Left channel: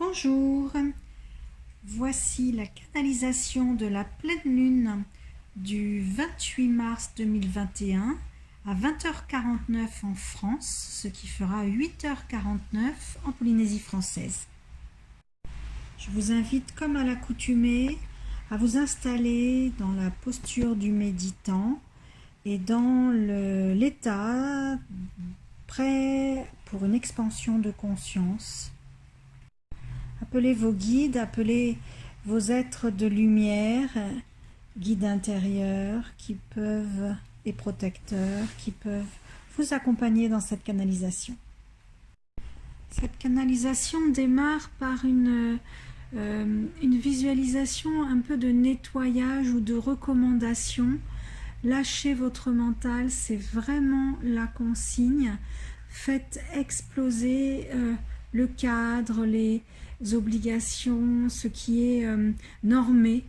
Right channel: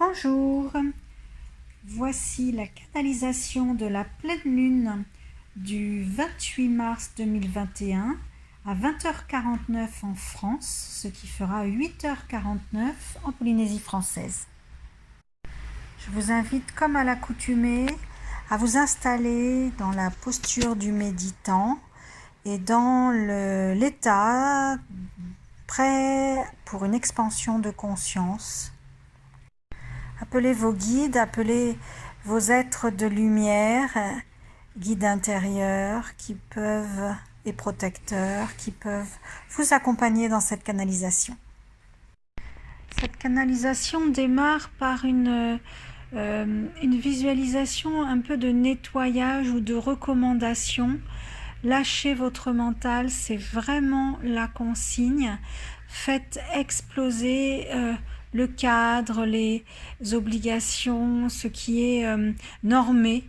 Bonjour, voici la canalisation de la pleine lune du 28 mars 2021 à 20h49 en France, ce qui fera 8h49 en Polynésie française. Je vous invite, comme à l'accoutumée, à vous installer dans la posture du méditant et dans l'état prêt pour une expansion de conscience. Appelez vos guides, appelez vos êtres de lumière, guides intérieurs et protecteurs qui peuvent vous accompagner dans cette canalisation. Cette canalisation démarre par une visualisation un peu de nettoyage ou de recommandation. Lâchez votre mental, c'est vraiment la consigne. Faites exploser le cadre, les obligations, ce qui est normé,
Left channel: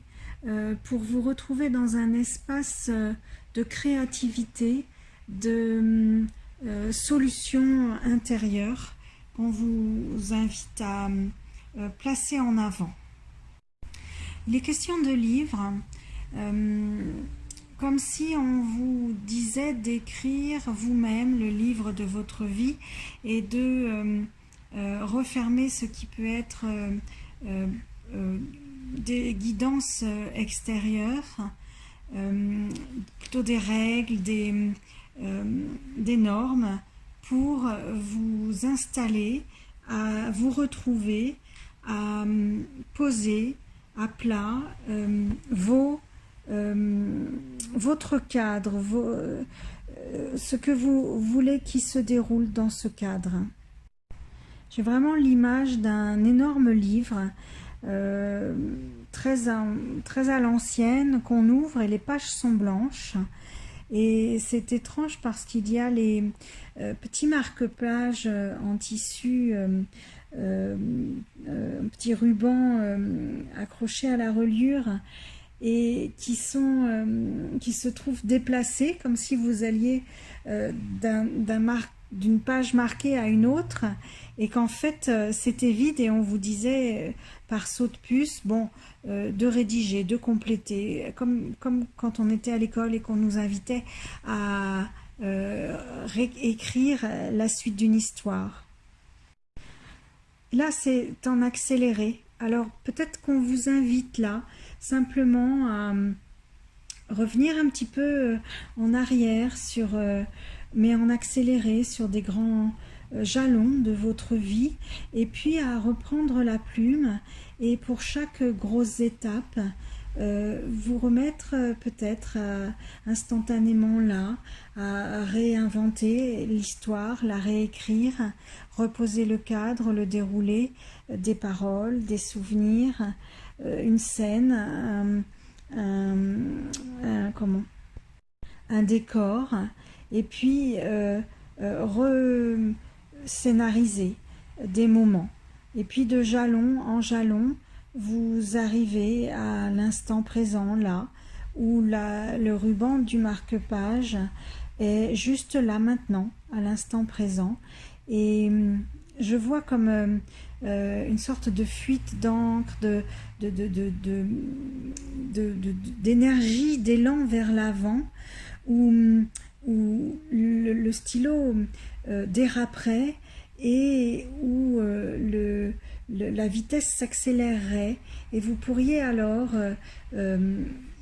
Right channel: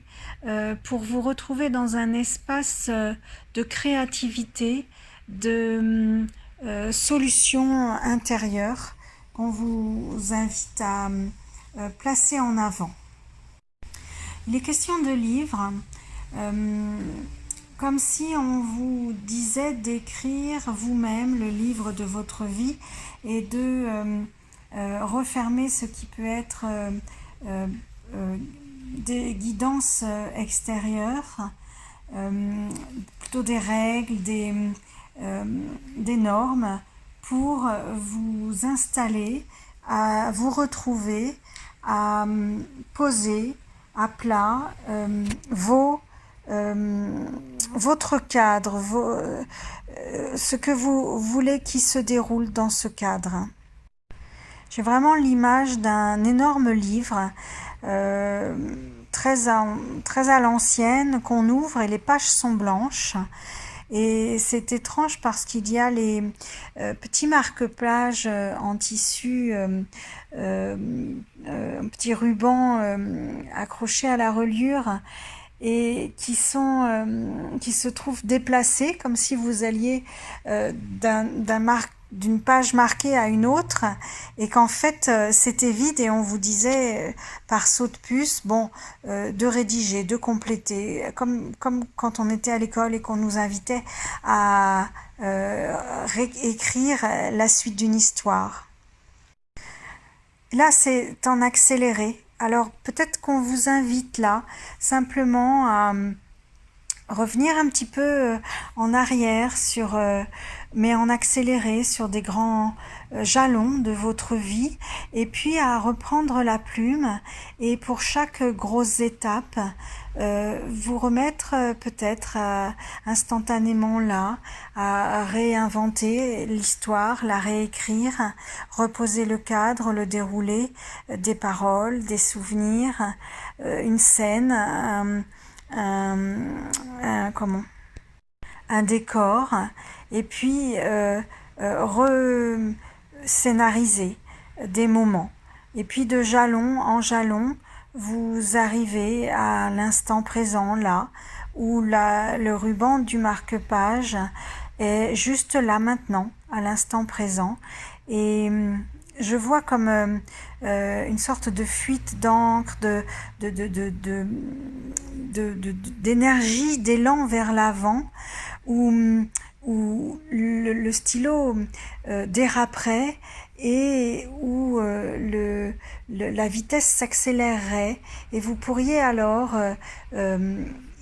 pour vous retrouver dans un espace de créativité, de solutions intérieures qu'on vous invite à placer en avant. Il est question de livres, comme si on vous disait d'écrire vous-même le livre de votre vie et de refermer ce qui peut être des guidances extérieures, plutôt des règles, des normes pour vous installer, à vous retrouver, à poser à plat votre cadre, ce que vous voulez qui se déroule dans ce cadre. J'ai vraiment l'image d'un énorme livre très à l'ancienne qu'on ouvre et les pages sont blanches. Et c'est étrange parce qu'il y a les petits marque-pages en tissu, petits rubans accrochés à la reliure et qui se trouvent déplacés comme si vous alliez d'une page marquée à une autre et qu'en fait c'était vide et on vous disait par saut de puce de rédiger, de compléter, comme quand on était à l'école et qu'on nous invitait à écrire la suite d'une histoire. Là c'est en accéléré, alors peut-être qu'on vous invite là simplement à revenir un petit peu en arrière mais en accéléré sur des grands jalons de votre vie et puis à reprendre la plume et pour chaque grosse étape vous remettre peut-être instantanément là à réinventer l'histoire, la réécrire, reposer le cadre, le déroulé des paroles, des souvenirs, une scène, un décor et puis scénariser des moments et puis de jalon en jalon vous arrivez à l'instant présent là où le ruban du marque-page est juste là maintenant à l'instant présent et je vois comme une sorte de fuite d'encre, d'énergie, d'élan vers l'avant, où le stylo déraperait et où la vitesse s'accélérerait et vous pourriez alors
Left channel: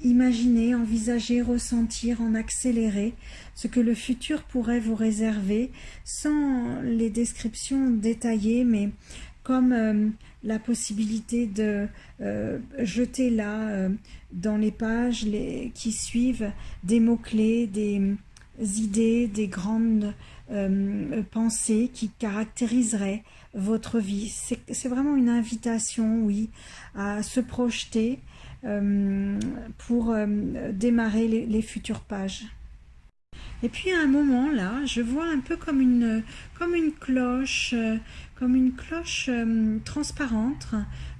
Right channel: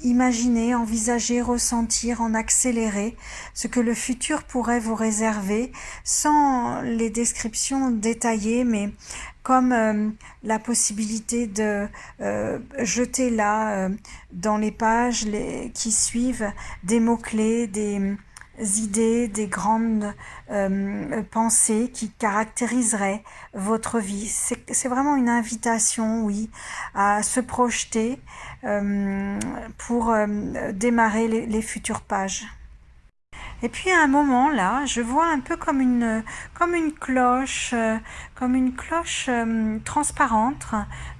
imaginer, envisager, ressentir en accéléré ce que le futur pourrait vous réserver sans les descriptions détaillées mais comme la possibilité de jeter là dans les pages qui suivent des mots-clés, des idées, des grandes pensées qui caractériseraient votre vie. C'est vraiment une invitation, oui, à se projeter pour démarrer les futures pages. Et puis à un moment là, je vois un peu comme une cloche, transparente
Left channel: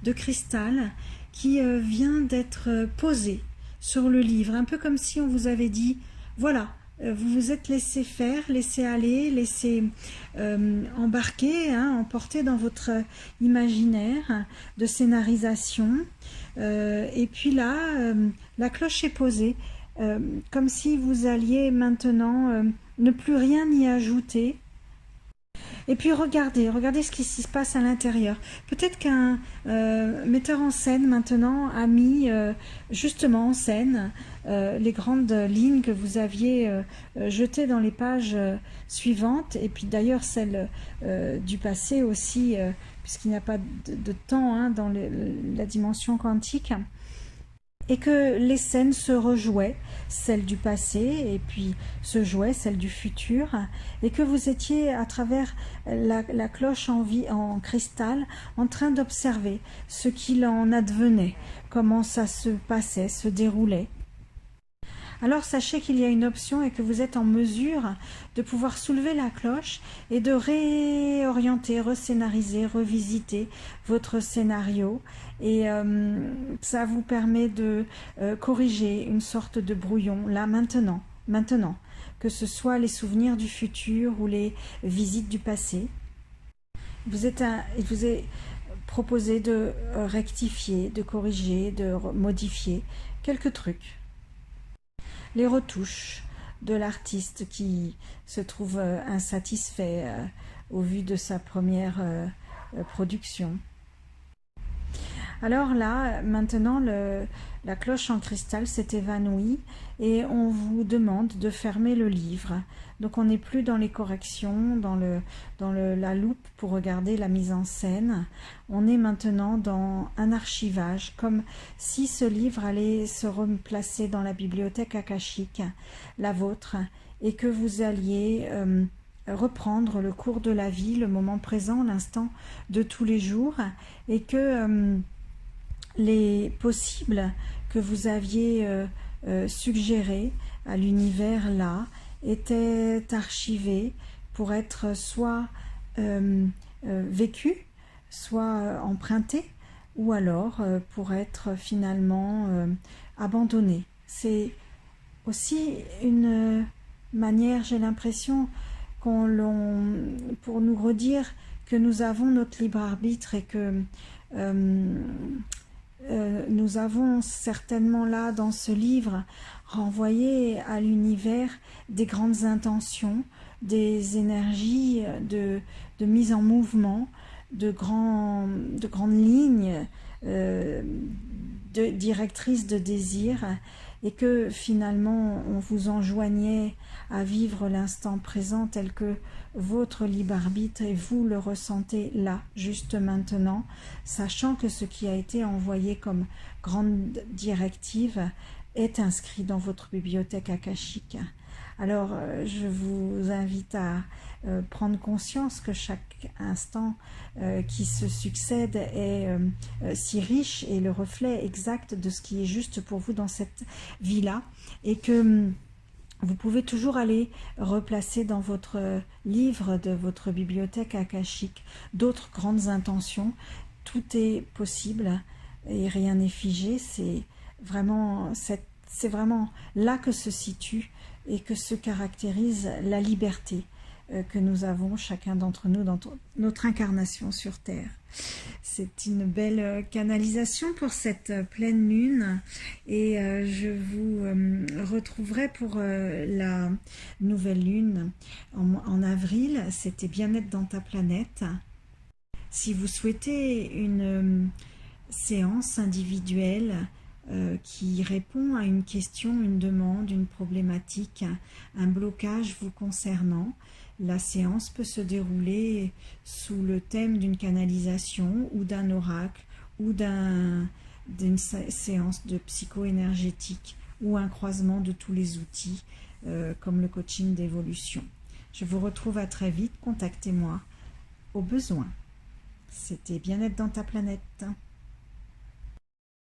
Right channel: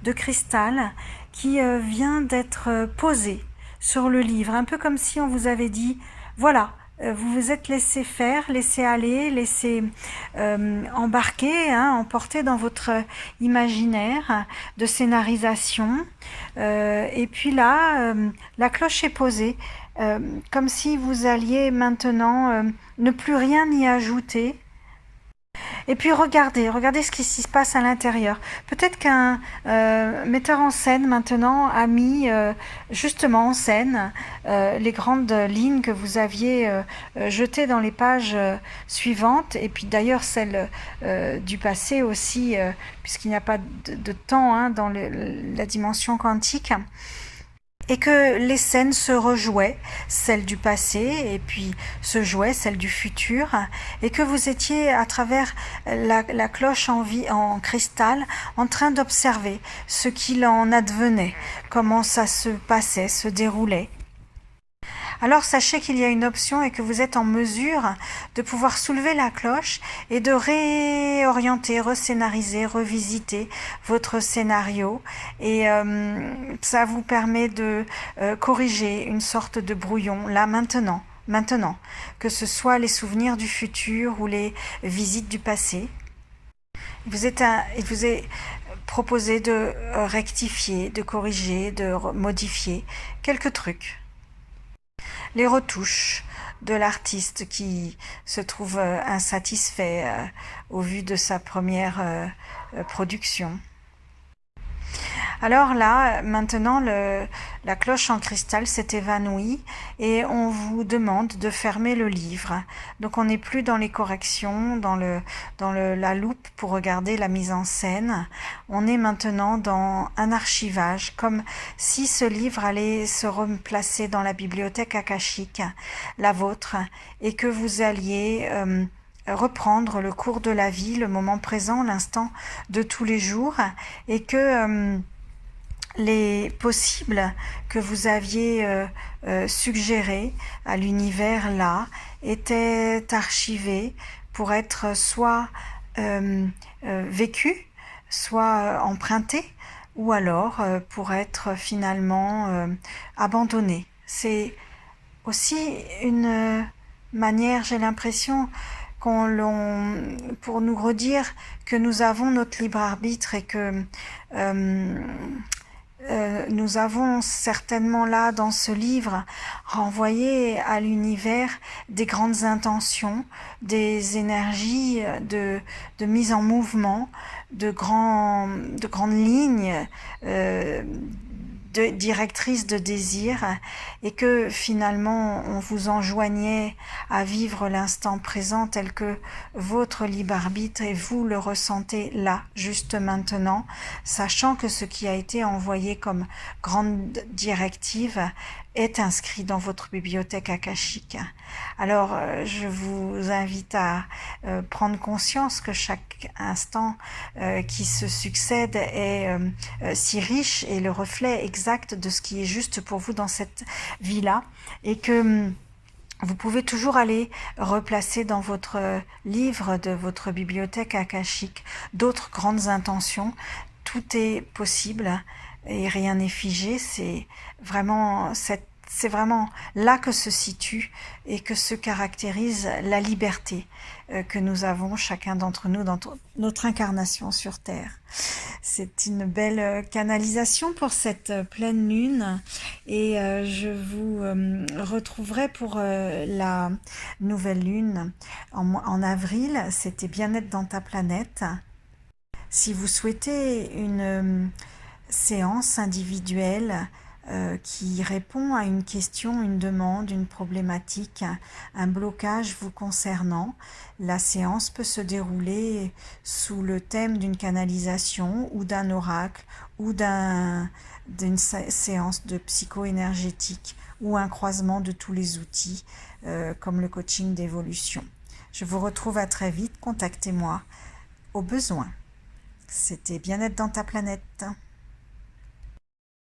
de cristal qui vient d'être posée sur le livre, un peu comme si on vous avait dit voilà, vous vous êtes laissé faire, laissé aller, laissé embarquer, hein, emporter dans votre imaginaire de scénarisation. Et puis là, la cloche est posée, comme si vous alliez maintenant ne plus rien y ajouter. Et puis regardez ce qui se passe à l'intérieur. Peut-être qu'un metteur en scène maintenant a mis justement en scène les grandes lignes que vous aviez jetées dans les pages suivantes, et puis d'ailleurs celles du passé aussi, puisqu'il n'y a pas de temps, hein, dans la dimension quantique. Et que les scènes se rejouaient, celles du passé, et puis se jouaient celles du futur, et que vous étiez à travers la cloche en cristal en train d'observer ce qu'il en advenait, comment ça se passait, se déroulait. Alors sachez qu'il y a une option et que vous êtes en mesure de pouvoir soulever la cloche et de réorienter, rescénariser, revisiter votre scénario, et ça vous permet de corriger une sorte de brouillon là maintenant, que ce soit les souvenirs du futur ou les visites du passé. Il vous est proposé de rectifier, de corriger, de modifier quelques trucs. Les retouches de l'artiste qui se trouve insatisfait au vu de sa première production. Alors là, maintenant, la cloche en cristal s'est évanouie et on vous demande de fermer le livre. Donc on n'est plus dans les corrections, dans la loupe pour regarder la mise en scène. On est maintenant dans un archivage, comme si ce livre allait se replacer dans la bibliothèque akashique, la vôtre, et que vous alliez reprendre le cours de la vie, le moment présent, l'instant de tous les jours, et que les possibles que vous aviez suggérés à l'univers là étaient archivés pour être soit vécus, soit empruntés, ou alors pour être finalement abandonnés. C'est aussi une manière, j'ai l'impression, pour nous redire que nous avons notre libre arbitre et que nous avons certainement là dans ce livre renvoyé à l'univers des grandes intentions, des énergies de mise en mouvement, de grandes lignes directrices de désir, et que finalement on vous enjoignait à vivre l'instant présent tel que votre libre arbitre et vous le ressentez là, juste maintenant, sachant que ce qui a été envoyé comme grande directive est inscrit dans votre bibliothèque akashique. Alors je vous invite à prendre conscience que chaque instant qui se succède est si riche et le reflet exact de ce qui est juste pour vous dans cette vie-là, et que vous pouvez toujours aller replacer dans votre livre de votre bibliothèque akashique d'autres grandes intentions. Tout est possible et rien n'est figé. C'est vraiment là que se situe et que se caractérise la liberté que nous avons chacun d'entre nous dans notre incarnation sur Terre. C'est une belle canalisation pour cette pleine lune, et je vous retrouverai pour la nouvelle lune en avril. C'était Bien-être dans ta planète. Si vous souhaitez une séance individuelle qui répond à une question, une demande, une problématique, un blocage vous concernant, la séance peut se dérouler sous le thème d'une canalisation ou d'un oracle ou d'une séance de psycho-énergétique ou un croisement de tous les outils comme le coaching d'évolution. Je vous retrouve à très vite, contactez-moi au besoin. C'était Bien-être dans ta planète.